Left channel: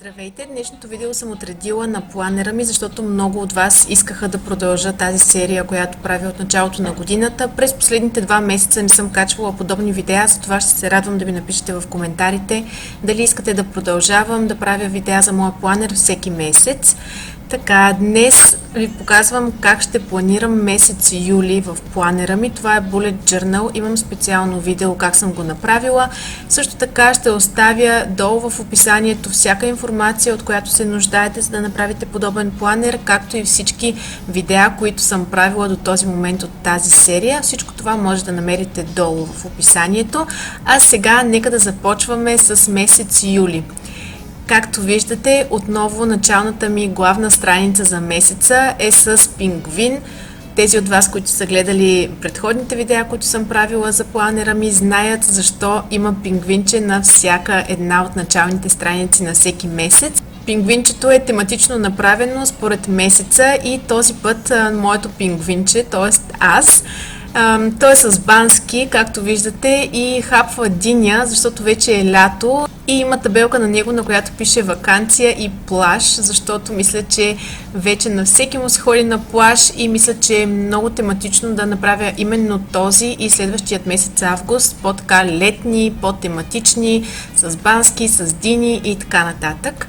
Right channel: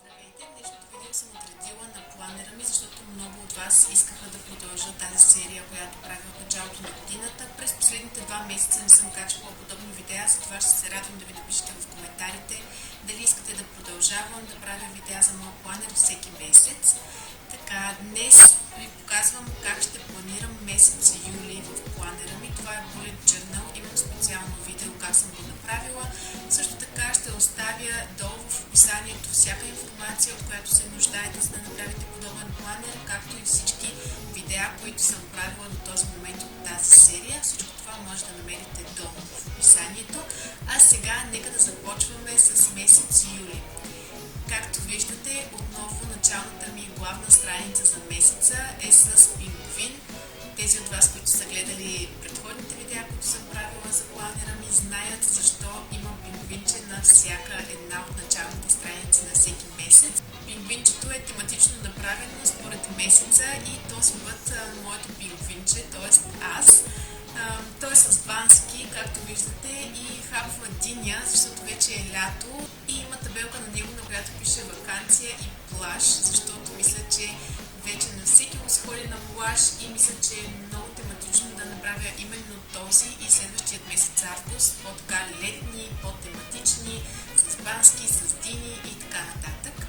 Здравейте! Днешното видео съм отредила на планера ми, защото много от вас искаха да продължа тази серия, която правя от началото на годината. През последните 2 месеца не съм качвала подобни видеа, затова ще се радвам да ми напишете в коментарите дали искате да продължавам да правя видеа за моя планер всеки месец. Така, днес ви показвам как ще планирам месец юли в планера ми. Това е Bullet Journal. Имам специално видео как съм го направила. Също така ще оставя долу в описанието всяка информация, от която се нуждаете, за да направите подобен планер, както и всички видеа, които съм правила до този момент от тази серия. Всичко това може да намерите долу в описанието. А сега нека да започваме с месец юли. Както виждате, отново началната ми главна страница за месеца е с пингвин. Тези от вас, които са гледали предходните видеа, които съм правила за планера ми, знаят защо има пингвинче на всяка една от началните страници на всеки месец. Пингвинчето е тематично направено според месеца и този път моето пингвинче, т.е. аз, той е с бански, както виждате, и хапва диня, защото вече е лято и има табелка на него, на която пише ваканция и плаж, защото мисля, че вече на всеки му се ходи на плаж и мисля, че е много тематично да направя именно този и следващият месец август по-така летни, по-тематични, с бански, с дини и така нататък.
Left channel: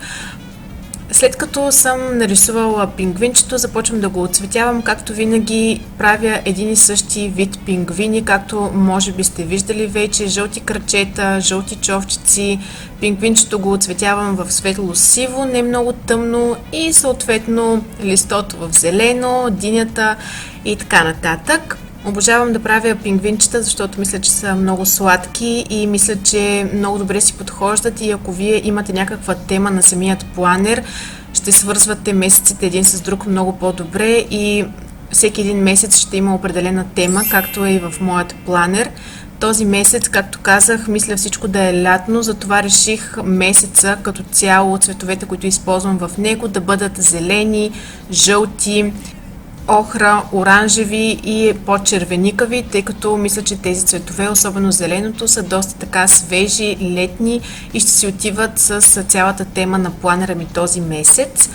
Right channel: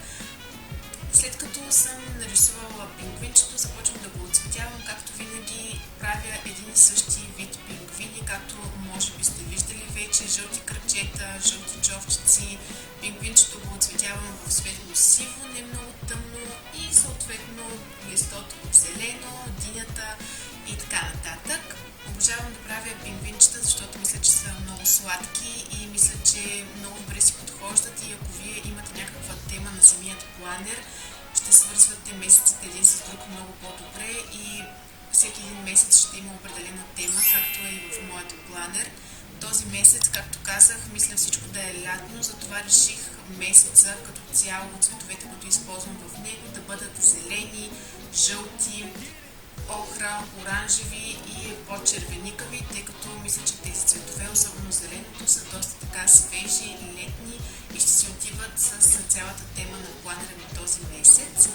След като съм нарисувала пингвинчето, започвам да го оцветявам. Както винаги правя един и същи вид пингвини, както може би сте виждали вече. Жълти крачета, жълти човчици. Пингвинчето го оцветявам в светло-сиво, не много тъмно, и съответно листото в зелено, динята и така нататък. Обожавам да правя пингвинчета, защото мисля, че са много сладки и мисля, че много добре си подхождат, и ако вие имате някаква тема на самият планер, ще свързвате месеците един с друг много по-добре и всеки един месец ще има определена тема, както е и в моят планер. Този месец, както казах, мисля всичко да е лятно, затова реших месеца като цяло, цветовете, които използвам в него, да бъдат зелени, жълти, охра, оранжеви и по-червеникави, тъй като мисля, че тези цветове, особено зеленото, са доста така свежи, летни и ще си отиват с цялата тема на планера ми този месец.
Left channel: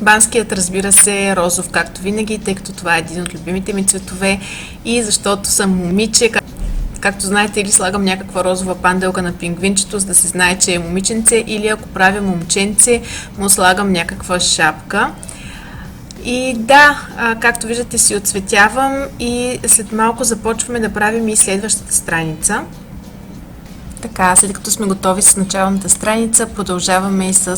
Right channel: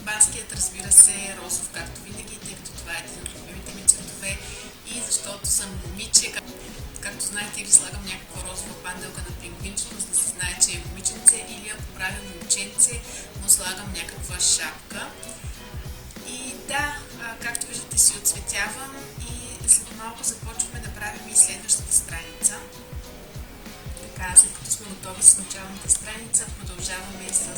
Банският, разбира се, е розов, както винаги, тъй като това е един от любимите ми цветове и защото съм момиче. Както знаете, или слагам някаква розова панделка на пингвинчето, за да се знае, че е момиченце, или ако правя момченце, му слагам някаква шапка. И да, както виждате, си отцветявам и след малко започваме да правим и следващата страница. Така, след като сме готови с началната страница, продължаваме и с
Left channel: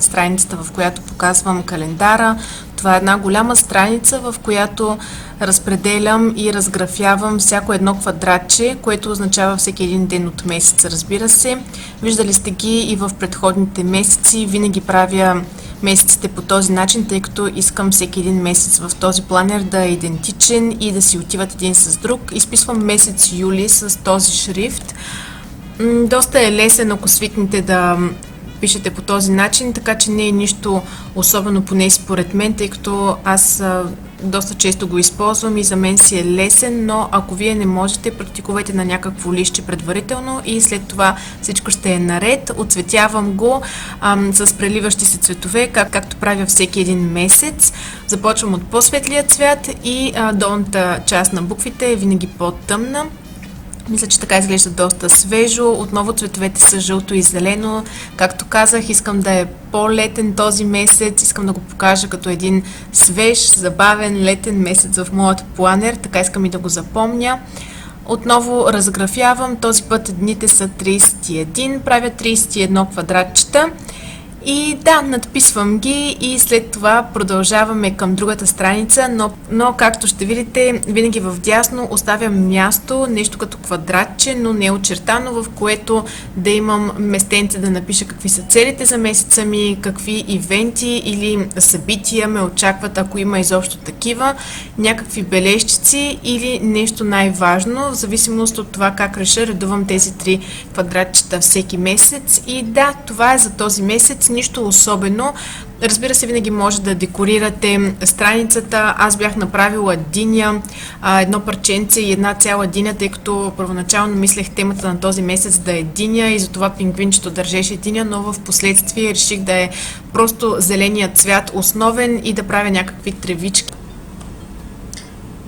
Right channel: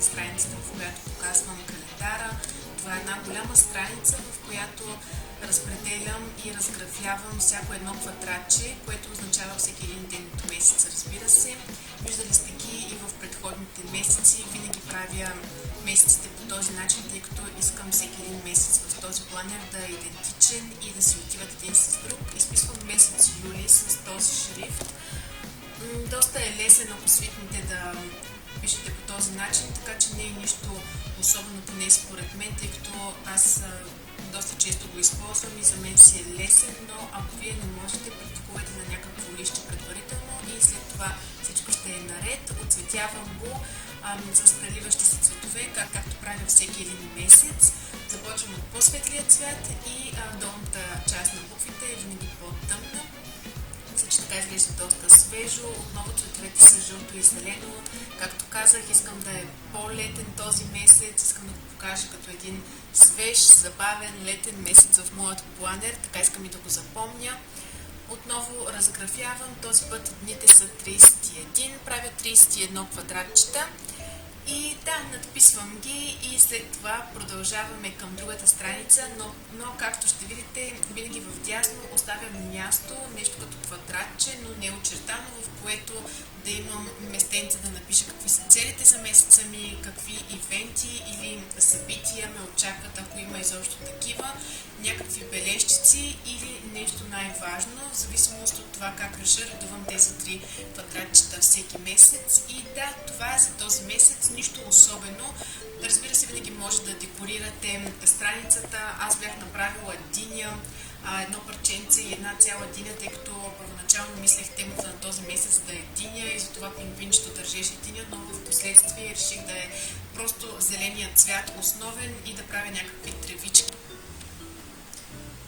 страницата, в която показвам календара. Това е една голяма страница, в която разпределям и разграфявам всяко едно квадратче, което означава всеки един ден от месеца, разбира се. Виждали сте ги и в предходните месеци. Винаги правя месеците по този начин, тъй като искам всеки един месец в този планер да е идентичен и да си отиват един с друг. Изписвам месец юли с този шрифт. Доста е лесен, ако свикнете да пишете по този начин, така че не е нищо особено, поне според мен, тъй като аз доста често го използвам и за мен си е лесен, но ако вие не можете, практикувайте на някакво листче предварително и след това всичко ще е наред. Отцветявам го с преливащи се цветове, както правя всеки един месец. Започвам от по-светлия цвят и долната част на буквите е винаги по-тъмна. Мисля, че така изглежда доста свежо. Отново цветовете са жълто и зелено. Както казах, искам да е по-летен този месец. Искам да го покажа като един свеж, забавен, летен месец в моят планер. Така искам и да го запомня. Отново разграфявам. Този път дните са 31. Правя 31 квадратчета. И да, надписвам ги и след това продължаваме към другата страница, но както ще видите, винаги в дясно оставям място, нещо като квадратче, но не очертано, в което да имам местенце да напиша какви са целите за месеца ми, какви ивенти или събития ме очакват, ако има изобщо такива, някакви бележчици или нещо най-важно, в зависимост от това как реша, редувам тези 3 квадратчета всеки месец. И да, това е за този месец. нищо особено. Разбира се, винаги може да декорирате страницата. Аз бях направила диня, едно парченце и една цяла диня, тъй като първоначално мислех темата на този месец да е диня и затова пингвинчето държеше диня, но в последствие реших да е просто зеленият цвят основен и да правя някакви тревички.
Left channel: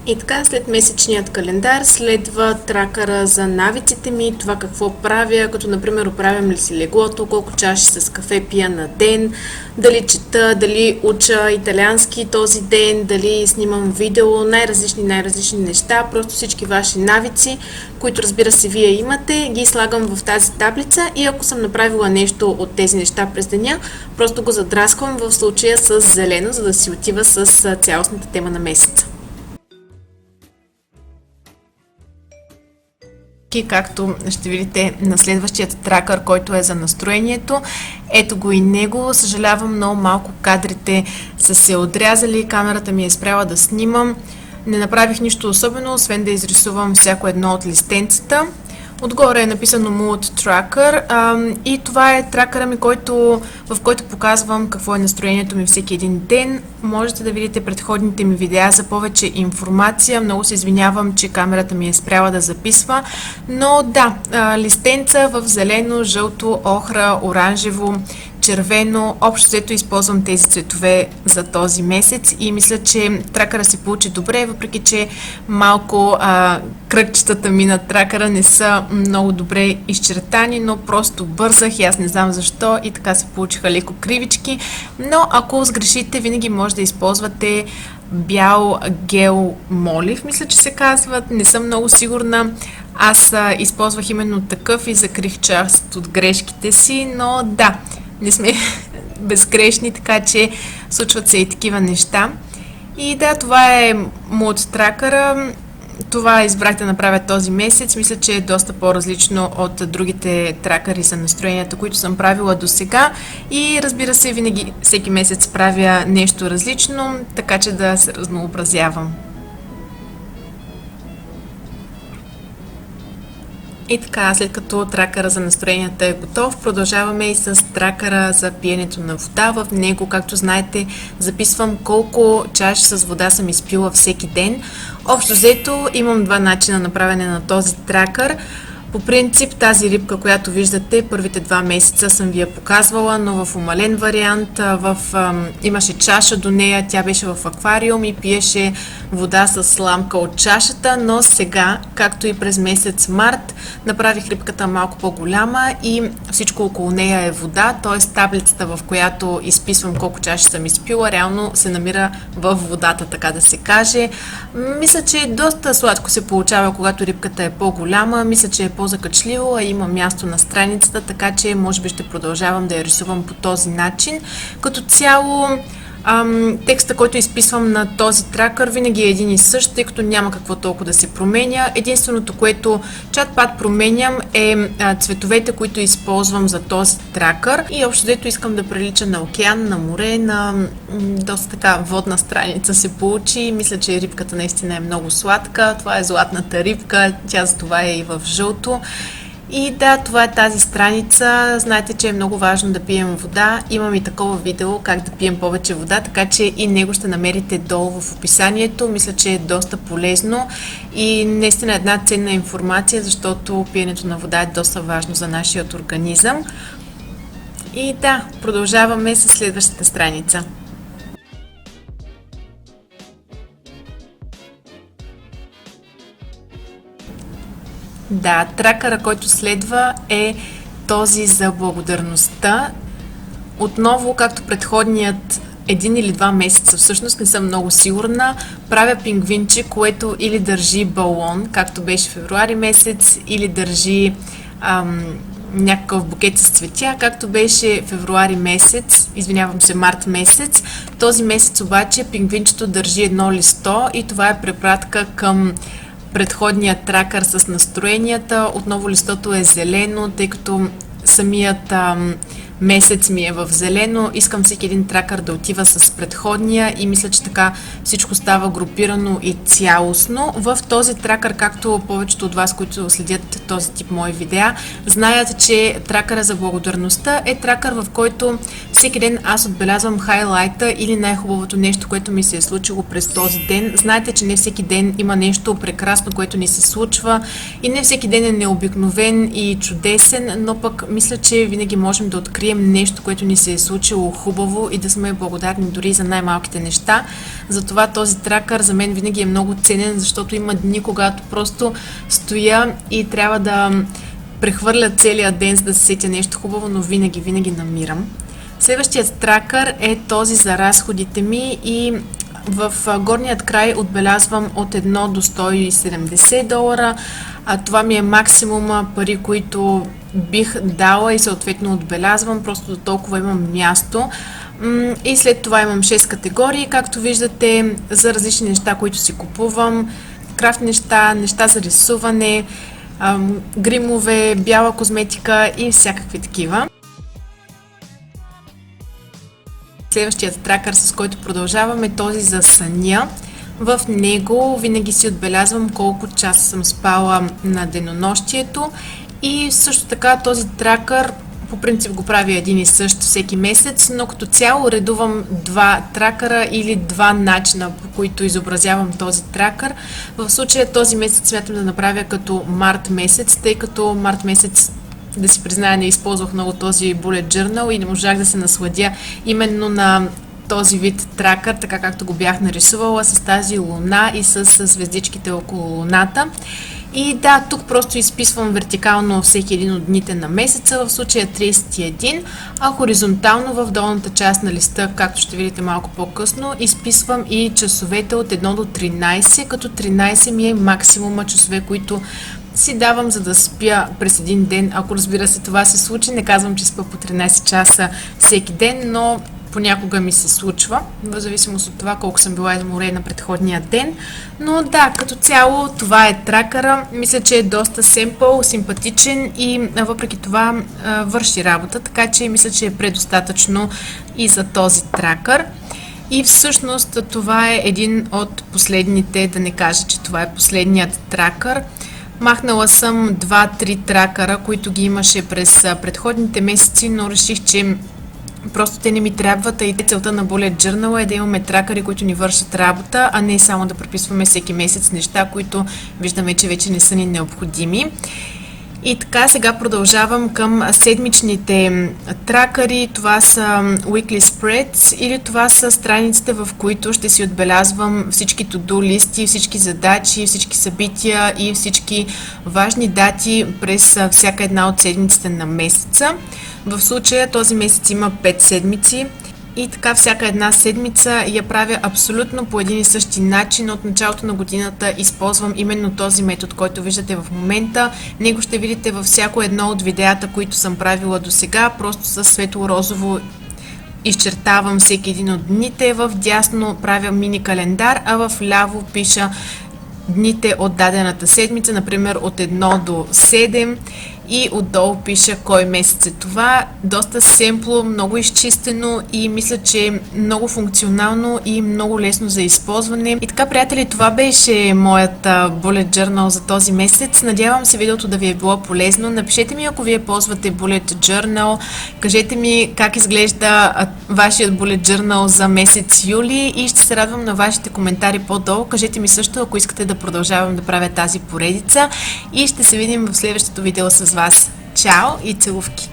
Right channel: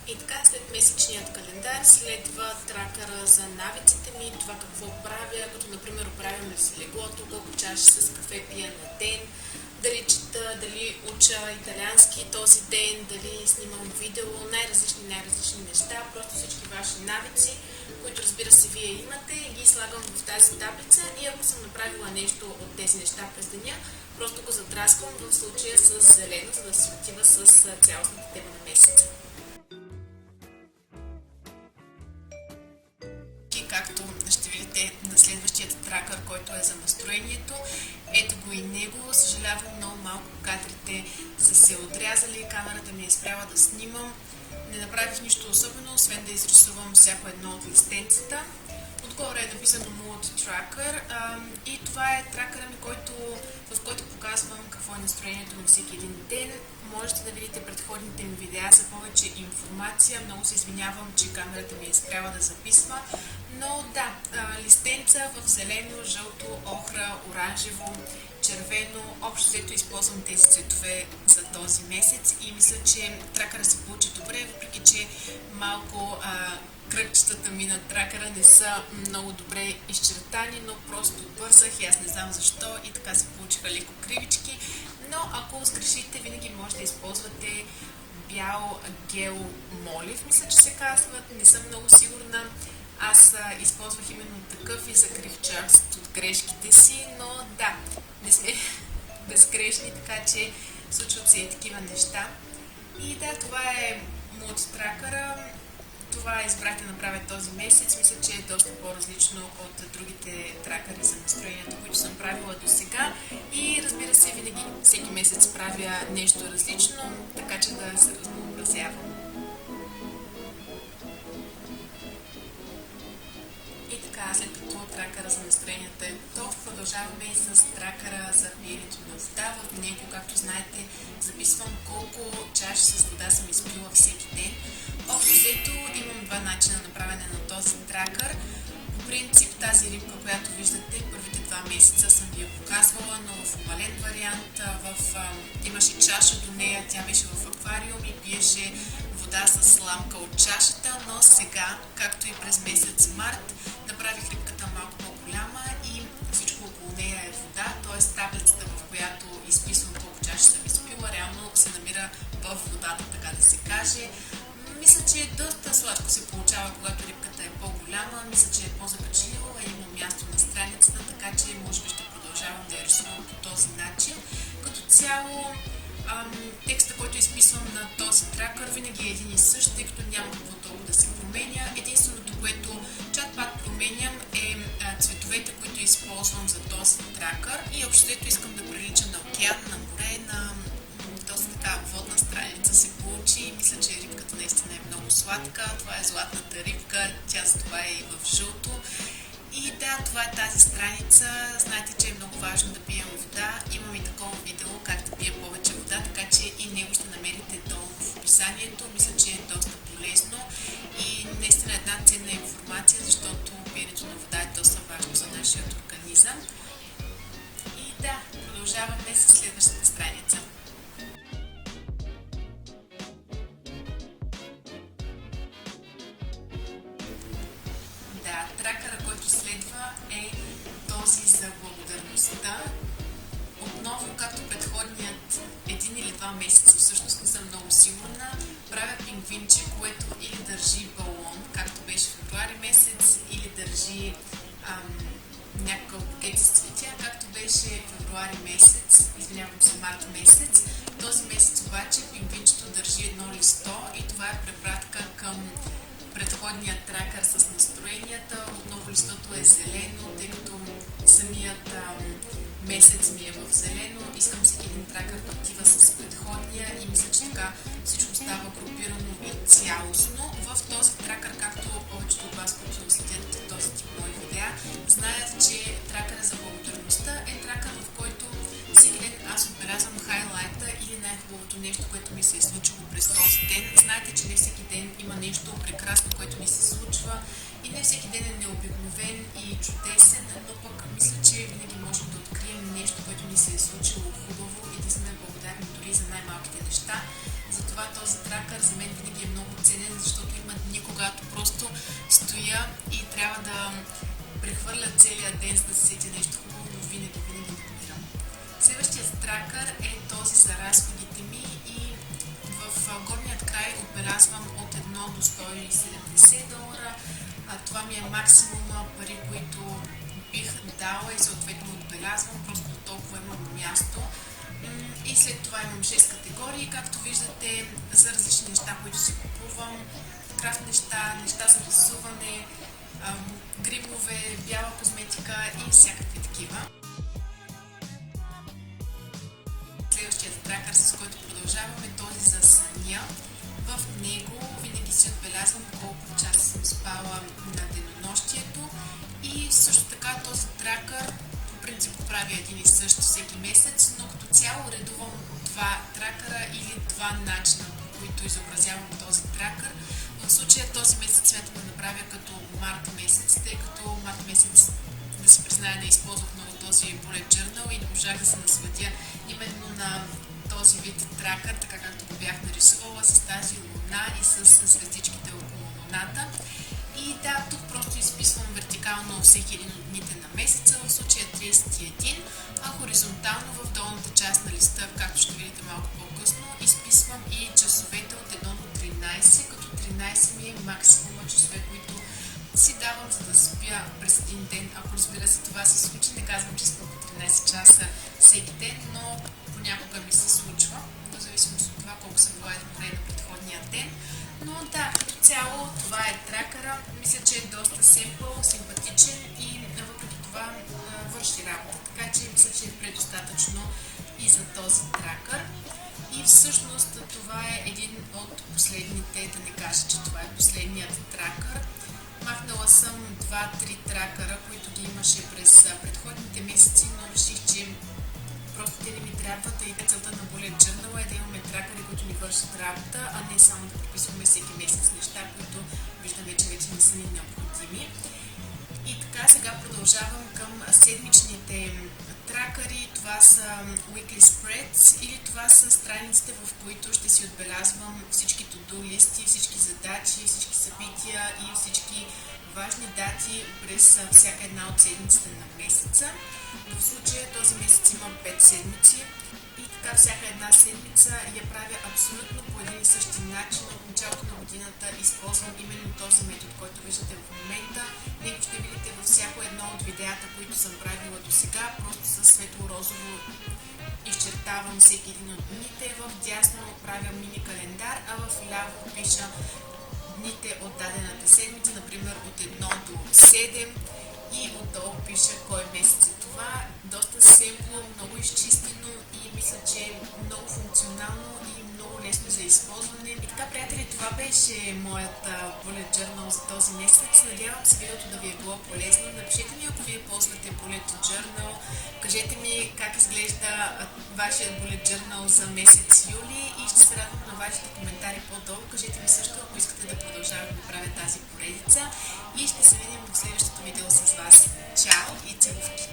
И така, след месечният календар следва тракъра за навиците ми, това какво правя, като например оправям ли си леглото, колко чаши с кафе пия на ден, дали чета, дали уча италиански този ден, дали снимам видео, най-различни неща, просто всички ваши навици, които разбира се вие имате, ги слагам в тази таблица и ако съм направила нещо от тези неща през деня, просто го задрасквам в случая с зелено, за да си отива с цялостната тема на месеца. Както ще видите на следващият тракър, който е за настроението. Ето го и него. Съжалявам, много малко кадрите са се отрязали, камерата ми е спряла да снимам. Не направих нищо особено, освен да изрисувам всяко едно от листенцата. Отгоре е написано Mood Tracker и това е тракъра ми, в който показвам какво е настроението ми всеки един ден. Можете да видите предходните ми видеа за повече информация. Много се извинявам, че камерата ми е спряла да записва, но да, листенца в зелено, жълто, охра, оранжево, червено. Общо взето използвам тези цветове за този месец и мисля, че тракъра се получи добре, въпреки че малко кръгчетата ми на тракъра не са много добре изчертани, но просто бързах и аз не знам защо и така се получиха леко кривички. Но ако сгрешите, винаги може да използвате бял гел молив, мисля, че се казват, не съм много сигурна. Аз използвах именно такъв и закрих част от грешките си, но да, не сме безгрешни, така че случват се и такива неща. И да, това е Mood тракъра. Това избрах да направя този месец. Мисля, че е доста по-различно от другите тракъри за настроенията, които съм правила до сега. И разбира се, винаги всеки месец правя нещо различно, така че да се разнообразявам. И така, след като тракъра за настроенията е готов, продължаваме и с тракъра за пиенето на вода. В него, както знаете, записвам колко чаши с вода съм изпила всеки ден. Общо взето имам два начина на правене на този тракър. По принцип тази рибка, която виждате, първите 2 месеца съм ви я показвала, но в умален вариант. Имаше чаша до нея, тя беше в аквариум и пиеше вода с сламка от чашата, но сега, както и през месец март, направих рибката малко по-голяма и всичко около нея е вода, т.е. таблицата, в която изписвам колко чаши съм изпила, реално се намира в водата, така да се каже. Мисля, че доста сладко се получава, когато рибката е по-голяма, мисля, че е по-закачливо, а има място на страницата, така че може би ще продължавам да я рисувам по този начин. Като цяло текста, който изписвам на този тракър, винаги е един и същ, тъй като няма какво толкова да се променя. Единственото, което чат-пат променям е цветовете, които използвам за този тракър и общо взето искам да прилича на океан, на море, на доста така водна страница се получи. Мисля, че рибката наистина е много сладка. Това е златната рибка, тя за това е и в жълто. И да, това е тази страница. Знаете, че е много важно да пием вода. Имам и такова видео как да пием повече вода, така че и него ще намерите долу в описанието. Мисля, че е доста полезно и наистина една ценна информация, защото пиенето на вода е доста важно за нашия организъм. И да, продължаваме с следващата страница. Да, тракъра, който следва е този за благодарността. Отново, както предходният 1 или 2 месеца, всъщност не съм много сигурна, правя пингвинче, което или държи балон, както беше февруари месец, или държи някакъв букет с цветя, както беше февруари месец, извинявам се, март месец. Този месец обаче пингвинчето държи едно листо и това е препратка към предходният тракър с настроенията. Отново листото е зелено, тъй като самият месец ми е в зелено. Искам всеки един тракър да отива с предходния и мисля, че така всичко става групирано и цялостно. В този тракър, както повечето от вас, които следят този тип мои видеа, знаят, че тракъра за благодарността е тракър, в който всеки ден аз отбелязвам хайлайта или най-хубавото нещо, което ми се е случило през този ден. Знаете, че не всеки ден има нещо прекрасно, което ни се случва и не всеки ден е необикновен и чудесен, но пък мисля, че винаги можем да открием нещо, което ни се е случило хубаво и да сме благодарни дори за най-малките неща. Затова този тракър за мен винаги е много ценен, защото има дни, когато просто стоя и трябва да прехвърля целия ден, за да се сетя нещо хубаво, но винаги намирам. Следващият тракър е този за разходите ми и в горният край отбелязвам от 1 до $170, а това ми е максимума пари, които бих дала и съответно отбелязвам, просто до толкова имам място. И след това имам 6 категории, както виждате, за различни неща, които си купувам, крафт неща, неща за рисуване, гримове, бяла козметика и всякакви такива. Следващият тракър, с който продължаваме, този за съня. В него винаги си отбелязвам колко часа съм спала на денонощието и също така този тракър по принцип го правя един и същ всеки месец, но като цяло редувам два тракъра или два начина, по които изобразявам този тракър. В случая този месец смятам да направя като март месец, тъй като март месец, да си призная, не използвах много този bullet journal и не можах да се насладя именно на този вид тракър, така както го бях нарисувала с тази луна и с звездичките около луната. И да, тук просто изписвам вертикално всеки един от дните на месеца, в случая 31, а хоризонтално в долната част на листа, както ще видите малко по-късно, изписвам и часовете от 1 до 13, като 13 ми е максимума часове, които си давам, за да спя през един ден. Ако разбира се това се случи, не казвам, че спа по 13 часа всеки ден, но понякога ми се случва, в зависимост от това колко съм била изморена предходния ден. Но да, като цяло това е тракъра. Мисля, че е доста семпъл, симпатичен и въпреки това върши работа, така че мисля, че е предостатъчно и за този тракър. И всъщност това е един от последните, да не кажа, че това е последният тракър. Махнала съм 2-3 тракъра, които ги имаше през предходните месеци, но реших, че просто те не ми трябват, и целта на Bullet Journal е да имаме тракъри, които ни вършат работа, а не само да преписваме всеки месец неща, които виждаме, че вече не са ни необходими. И така, сега продължавам към седмичните тракъри. Това са Weekly Spreads или това са страниците, в които ще си отбелязвам всички to-do листи, всички задачи, всички събития и всички важни дати през всяка една от седмиците на месеца. В случая този месец има 5 седмици и така всяка една седмица я правя абсолютно по един и същи начин. От началото на годината използвам именно този метод, който виждате в момента. Него ще видите във всяко едно от видеята, които съм правила до сега. Просто със светло-розово изчертавам всеки един от дните. В дясно правя мини календар, а в ляво пиша дните от дадената седмица, например от 1 до 7. И отдолу пиша кой месец е това. Доста семпло, много изчистено и мисля, че е много функционално и много лесно за използване. И така, приятели, това беше моят Bullet Journal за този месец. Надявам се видеото да ви е било полезно. Напишете ми, ако вие ползвате Bullet Journal. Кажете ми как изглежда вашият Bullet Journal за месец юли и ще се радвам на вашите коментари по-долу. Кажете ми също, ако искате да продължавам да правя тази поредица и ще се видим в следващото видео с вас. Чао и целувки!